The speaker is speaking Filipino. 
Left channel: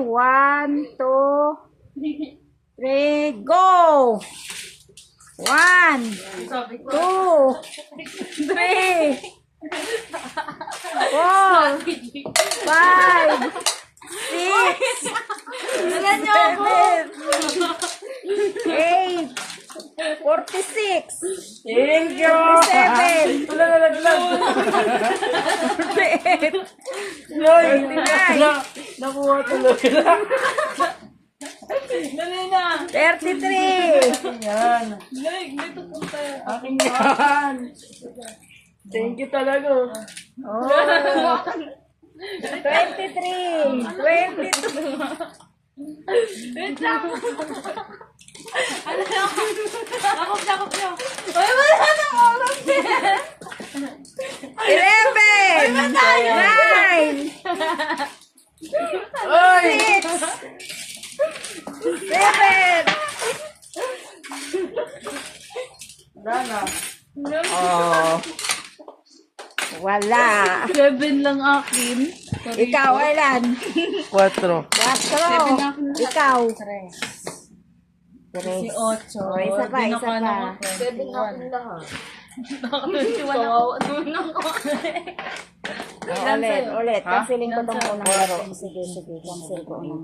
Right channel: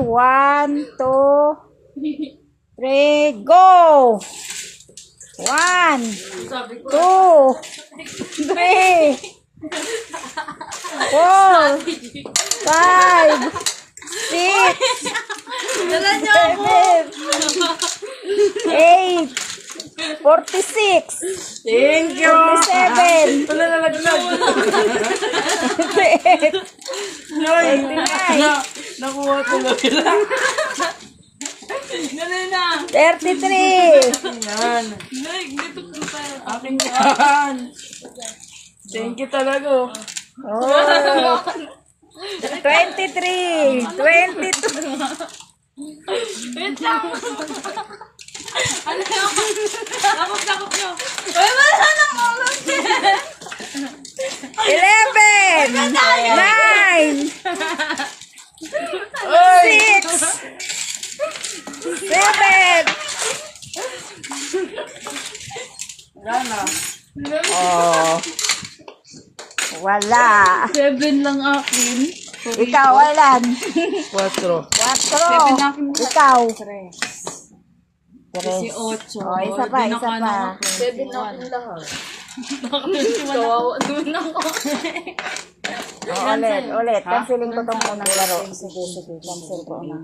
1, 2, 3, go! 1, 2, 3, 4, 5, 6, 7, 8, 46, Thank you. 47, 49, Nakuha tuloy lang. Ganun na. 33, Yan. Dito punta. Akin yan. Thank you talaga. oh, 23, 22, Wait lang. Ano yun? Takot nyo. Uy, wala nang oras. 11, 9, Oy! 7, Wala na. oh, wala. 7 lang akin. Ikaw, Alan. 4. 4. Ikaw. 3. 18. Oh, isa pa, isa pa. 7 akin lahat. Kawawa naman ako. Oh, ulit. Canceling ko tong unang laro. Sige, cancel ko na.